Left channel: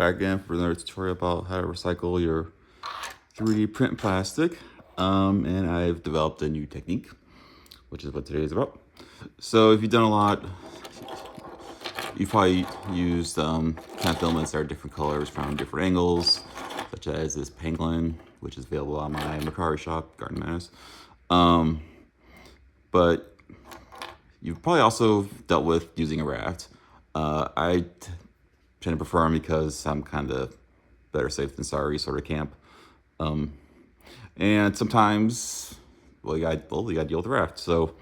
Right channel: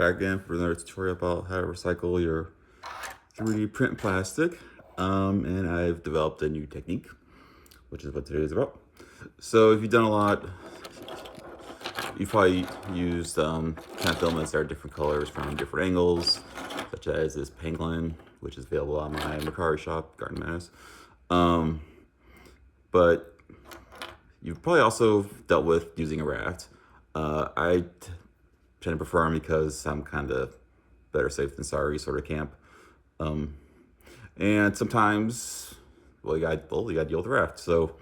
back again for another tutorial about how to recycle your 3D print plastic. And I've developed a new technique, which is what today is about. So if you've done a lot, you've probably used kind of filaments that are different colors from different angles, such as this penguin, which is available on my mercari shop, Garden Mass. But you've probably also dealt with using a raft. I tend to prefer them because I'm kind of better safe than sorry sort of camp. And sometimes, you gotta deal with the raft. So,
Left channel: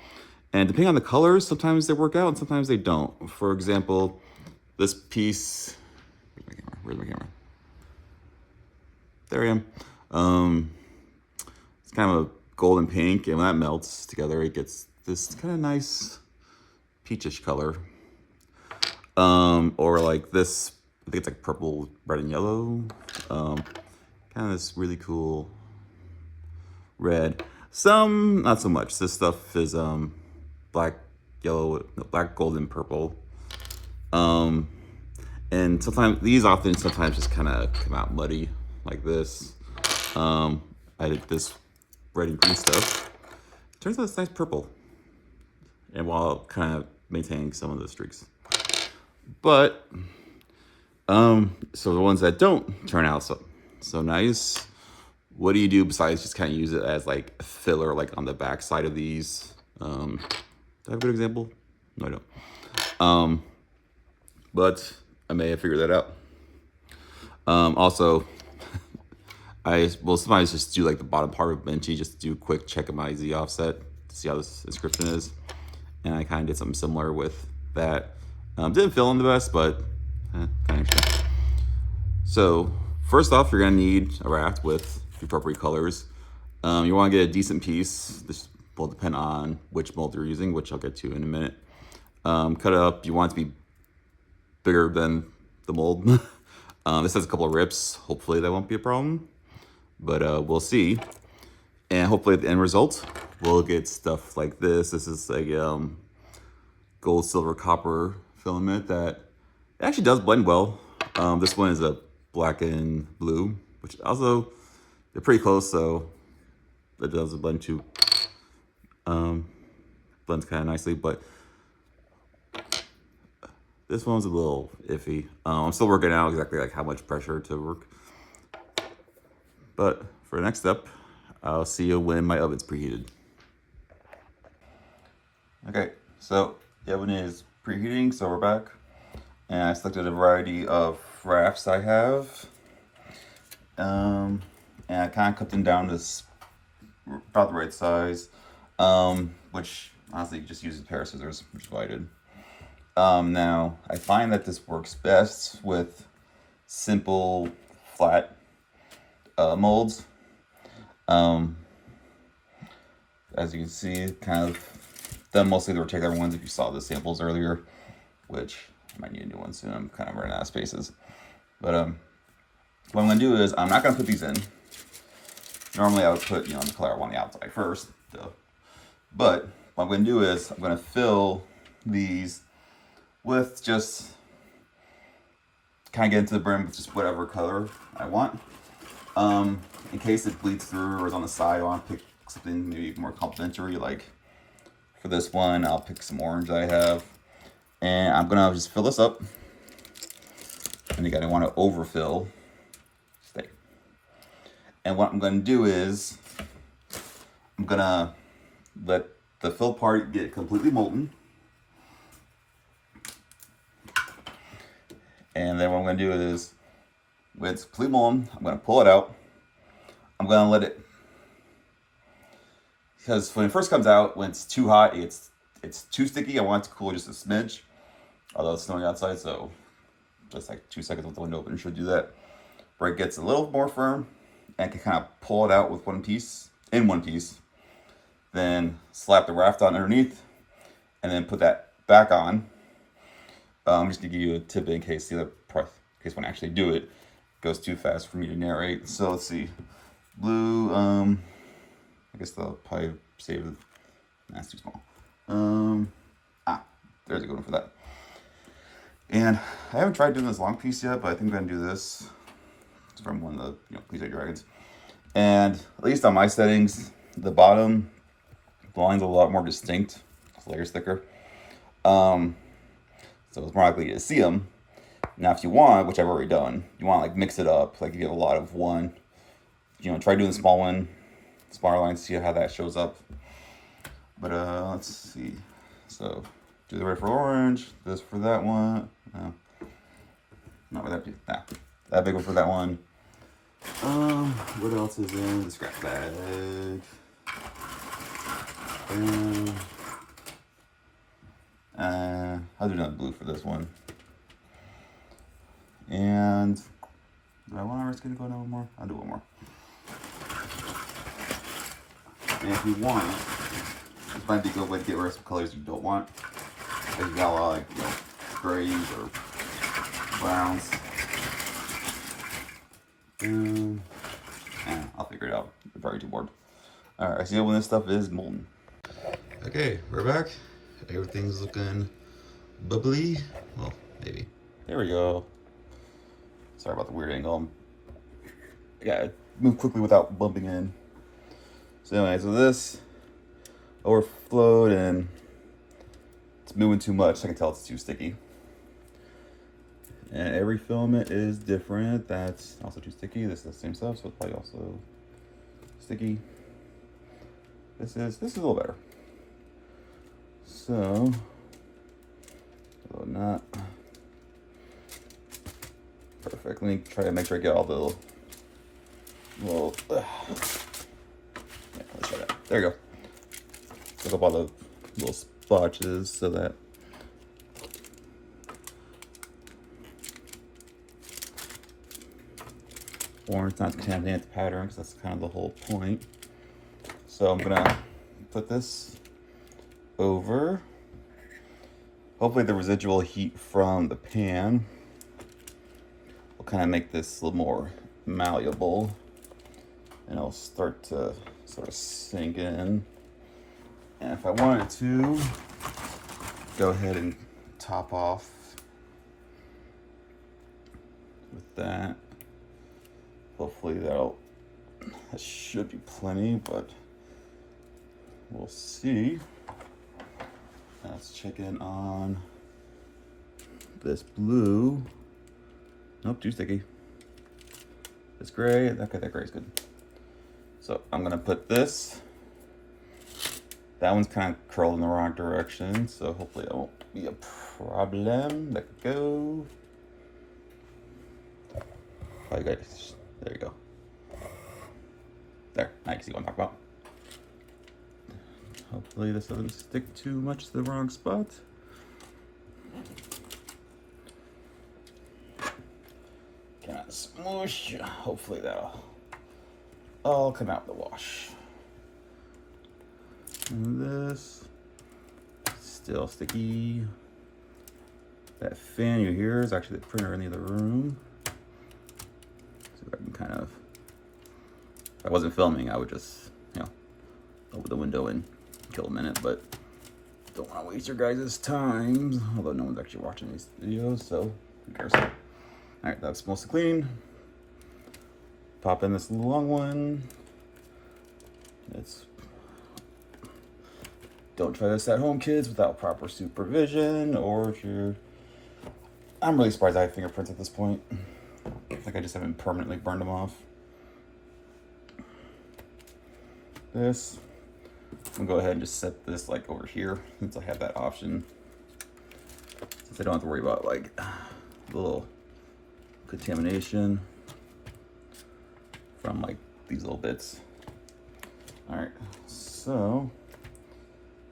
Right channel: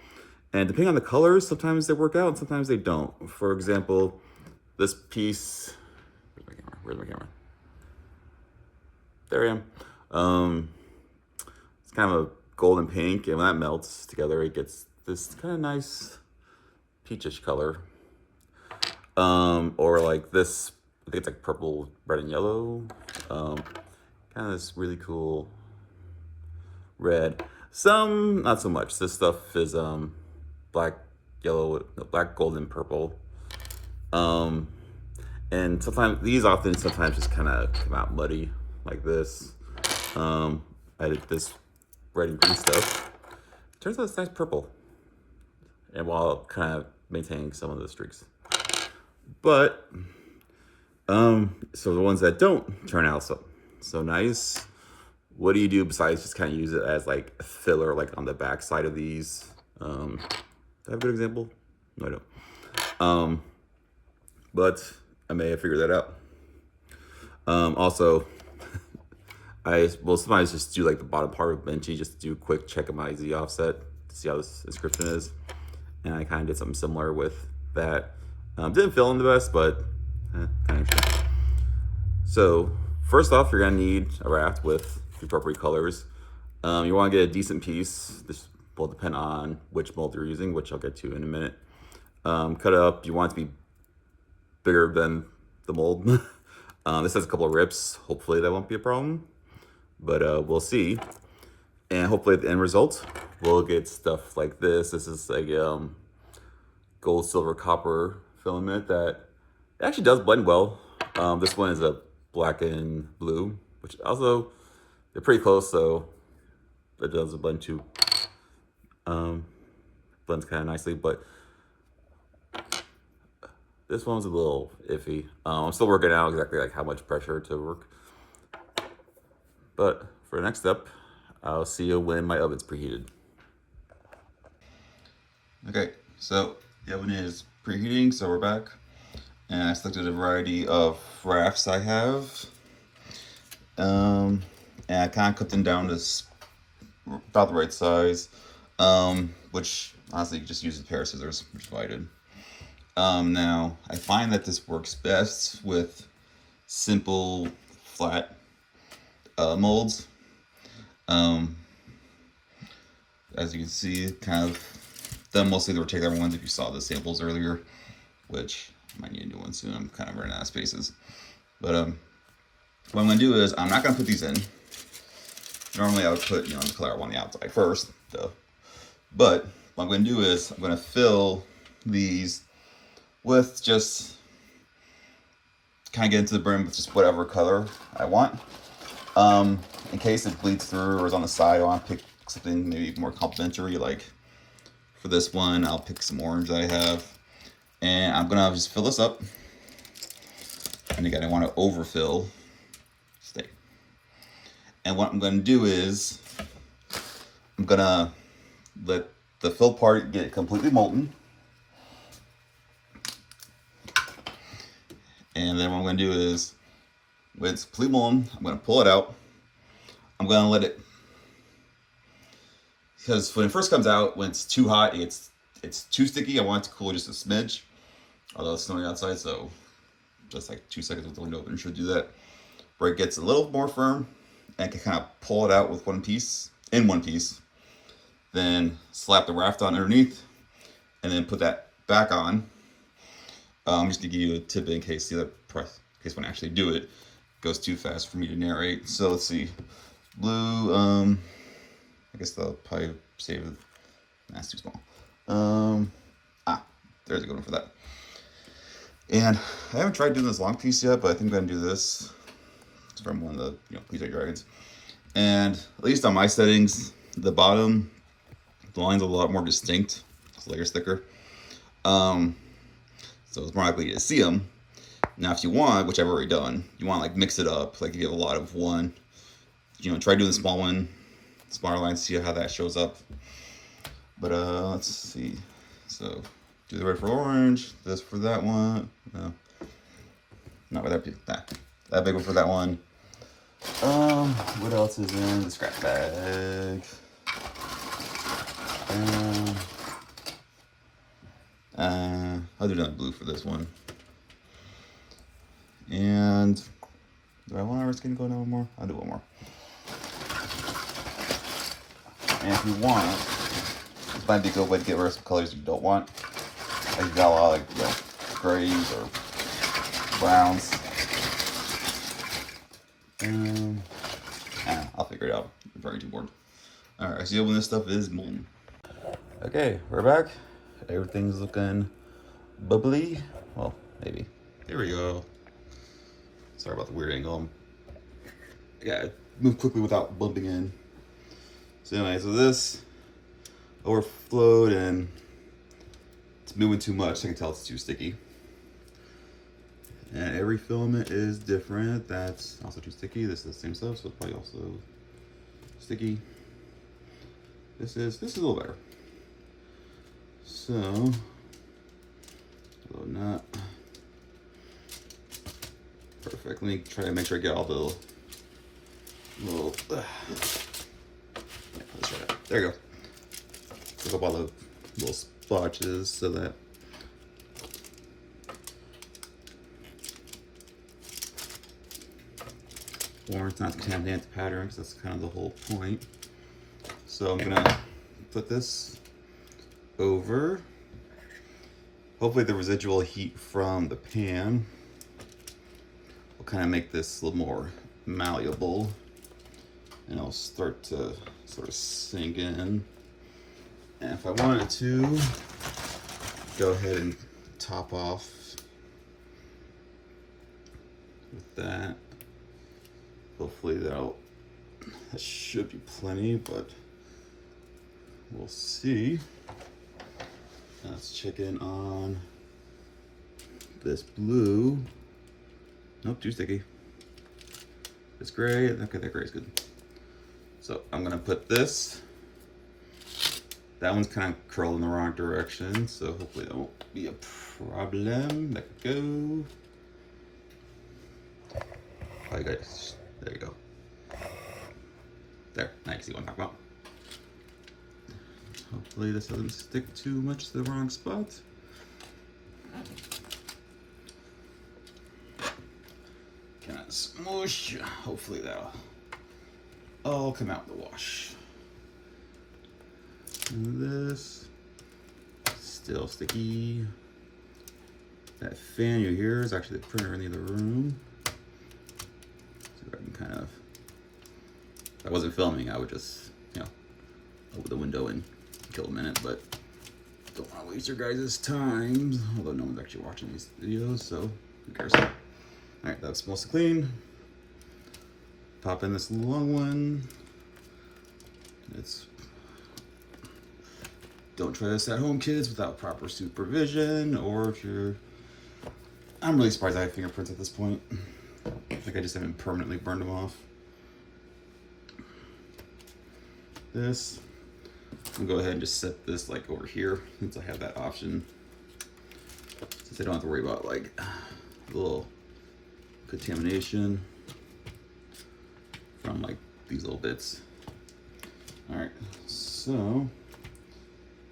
and depending on the colors, sometimes they work out and sometimes they don't. For example, this piece, where's my camera? There I am. It's kind of a golden pink, and when that melts together, it gets this kind of nice peachish color. Or like this, I think it's like purple, red, and yellow. Kind of this really cool red. Some, not so much. This stuff is black, yellow, black, golden, purple. And sometimes, sometimes just kind of come out muddy like this. I did this red and green stuff. Turns out it's nice purple. And while kind of maintaining some of the streaks. But, so the ones that don't turn out so nice, what do you do besides just kind of use it as like a filler, like on the back side of these? Do I have a good example? No, I don't. But I may have figured that out. Also, I will sometimes just do like the bottom part of Benchy, just do a quick check of my Z offset to see how this inscription is. And I kind of did something similar with that. Didn't fill in the best, but kind of interesting. So first off, you're gonna need a raft with the appropriate colors. You wanna get a decent piece. This will depend on which mold you're using, which I'll get to in a minute. Cut it up, you want it to be bigger than the mold. This has a couple of rips. Hopefully that won't be a problem, but we'll see. And hopefully at the end result, we'll get stuff like this. This is like gold, silver, copper filament that actually does blend well. This one is a black and blue, which also, they're pretty close, so it does blend too. Blends kind of nicely, but this one's a little iffy. I'm still working out exactly like how much pressure to work. But for the next step, I'll see you when my oven's preheated. Okay, so the oven is preheating, so we're back. And I selected a variety of rafts I have. And I kind of cut them down to about the right size, which honestly you just use a pair of scissors, which is what I did. Now, I find that this works best with simple, flat molds. As you can see, kind of done mostly the rectangular ones if you saw the samples earlier, which I might need a new one soon. I'm kind of running out of spaces. But what I'm going to do is I'm not going to put these in. Normally I would put, the color I want on the outside first. But what I'm going to do is I'm going to fill these with just kind of get into the brim with just whatever color I want. In case it bleeds through or is on the side, I want to pick something maybe more complementary. Like for this one, I'll pick some orange I have. And I'm going to just fill this up. And again, I want to overfill. Stay. And what I'm going to do is I'm going to let the fill part get completely molten. And then what I'm going to do is, when it's completely molten, I'm going to pull it out. I'm going to let it, because when it first comes out, when it's too hot, it's too sticky. I want it to cool just a smidge, although it's snowing outside, so just like 2 seconds with the window open should do that. Where it gets a little more firm, and can kind of pull it out with one piece, then slap the raft on underneath, and then put that back on. I'm just gonna give you a tip in case when I actually do it, goes too fast for me to narrate. So let's see, blue. I guess they'll probably save it. That's too small. There's a good one for that. And I haven't tried doing this long piece yet, but I think I'm gonna do this. It's from one of the Please Are Dragons. And at least on my settings, the bottom, the line's a lot more distinct. This layer's thicker. So it's more likely to see them. Now, if you want, which I've already done, you want to like mix it up. Like if you have a lot of one, try doing the small one, smaller line, see how that shows up. But let's see. So do the red for orange, this for that one. No, not with that big one for that one. What else is in the scrap bag? I'll do another blue for this one. And do I want our skin to go down one more? I'll do one more. And if you want, this might be a good way to get rid of some colors you don't want. Like you got a lot of like grays or browns. I'll figure it out. I'm probably too bored. Alright, see when this stuff is molten. Okay, we're back. Everything's looking bubbly. Well, maybe. There we go. Sorry about the weird angle. Yeah, move quickly without bumping in. So anyway, so this overflowed and it's moving too much. I can tell it's too sticky. And every filament is different. That's also too sticky. This is the same stuff, so it's probably also sticky. This is a little better. So, although not perfect. Let me try to make sure I get all the little yeah, let's try that. There you go. Pick up all the little splotches so that orange not contaminate the pattern, because that's kind of the whole point. So I'm gonna put this over. Hopefully the residual heat from the pan will kind of make this a little more malleable, and it'll start to sort of sink in. And if I wanted to, go ahead and top off with that. Hopefully that should be plenty, but we'll see. Let's check in on this blue. Nope, too sticky. This gray, okay, that gray is good. So I'm gonna put this. That one's kind of curled in the wrong direction, so hopefully that won't be a problem. Let it go. Oh, you guys, there you go. There, now you can see what I'm talking about. Hopefully this doesn't stick too much to the wrong spot. Kind of smoosh. Hopefully that'll all come out in the wash. And this, still sticky. That fan you hear is actually the printer in the other room. So if I can kind of, if I wasn't filming, I would just, open the window and kill a minute, but don't want to waste your guys' time, although no one's actually watching these videos, so who cares? Alright, that's mostly clean. Pop in this long one. Don't try this at home, kids, without proper supervision, or if you're... I'm really surprised I have fingerprints at this point. I think I just haven't permanently burned them off. This, I'm gonna go ahead and just set this like over here, since I have that option. Since I don't have to worry about like little contamination from like these little bits. All right, so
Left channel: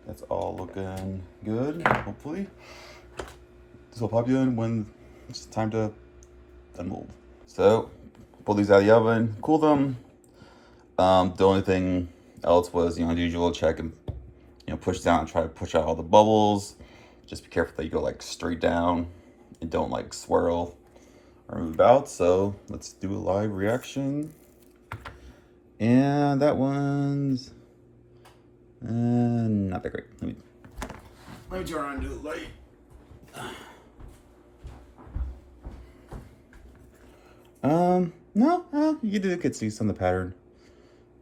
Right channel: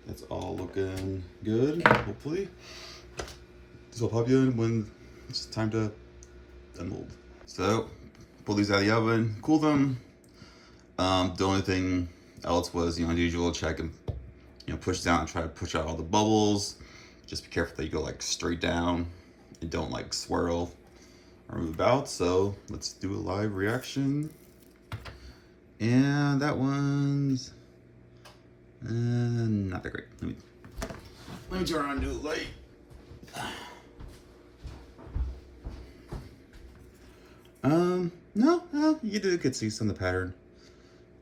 that's all looking good, hopefully. This will pop you in when it's time to unmold. So, pull these out of the oven, cool them. The only thing else was, as usual, check and push down and try to push out all the bubbles. Just be careful that you go like straight down and don't like swirl or move about. So let's do a live reaction. And that one's not that great. Let me turn on and do the light. No, you could see some of the pattern.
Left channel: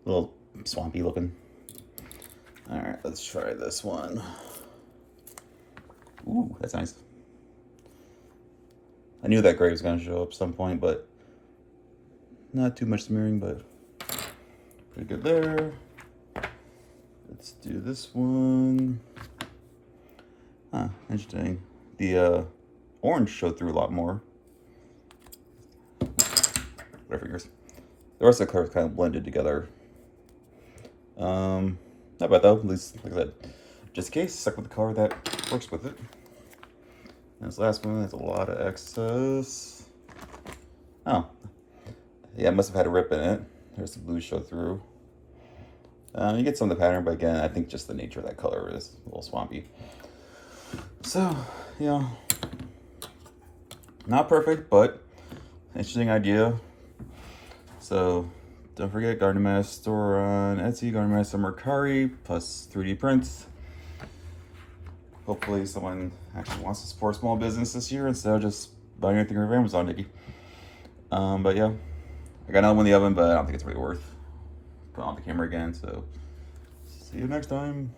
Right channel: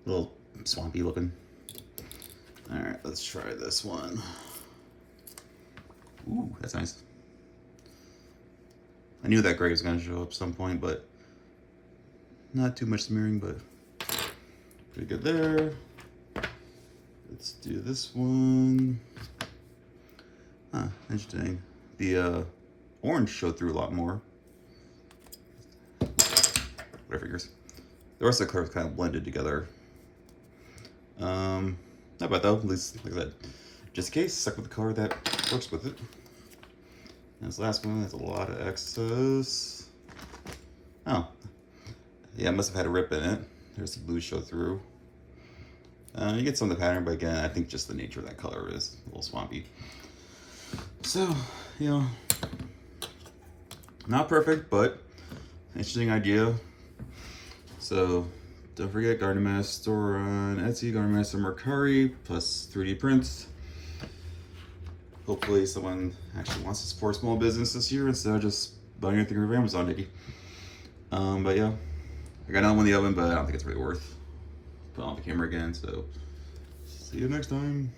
A little swampy looking. All right, let's try this one. Ooh, that's nice. I knew that gray was gonna show up at some point, but not too much smearing, but pretty good there. Let's do this one. Huh, interesting. The orange showed through a lot more. Whatever figures. The rest of the colors kind of blended together. Not bad though, at least, like I said, just in case, stuck with the color that works with it. And this last one has a lot of excess. Oh, yeah, it must have had a rip in it. There's the blue show through. You get some of the pattern, but again, I think just the nature of that color is a little swampy. So, you know, not perfect, but interesting idea. So, don't forget, Garden Master store on Etsy, Garden Master Mercari, plus 3D prints. Hopefully someone actually wants to support small business this year instead of just buying anything from Amazon, maybe. But yeah, I got another one in the oven, but I don't think it's really worth putting on the camera again, so see you next time.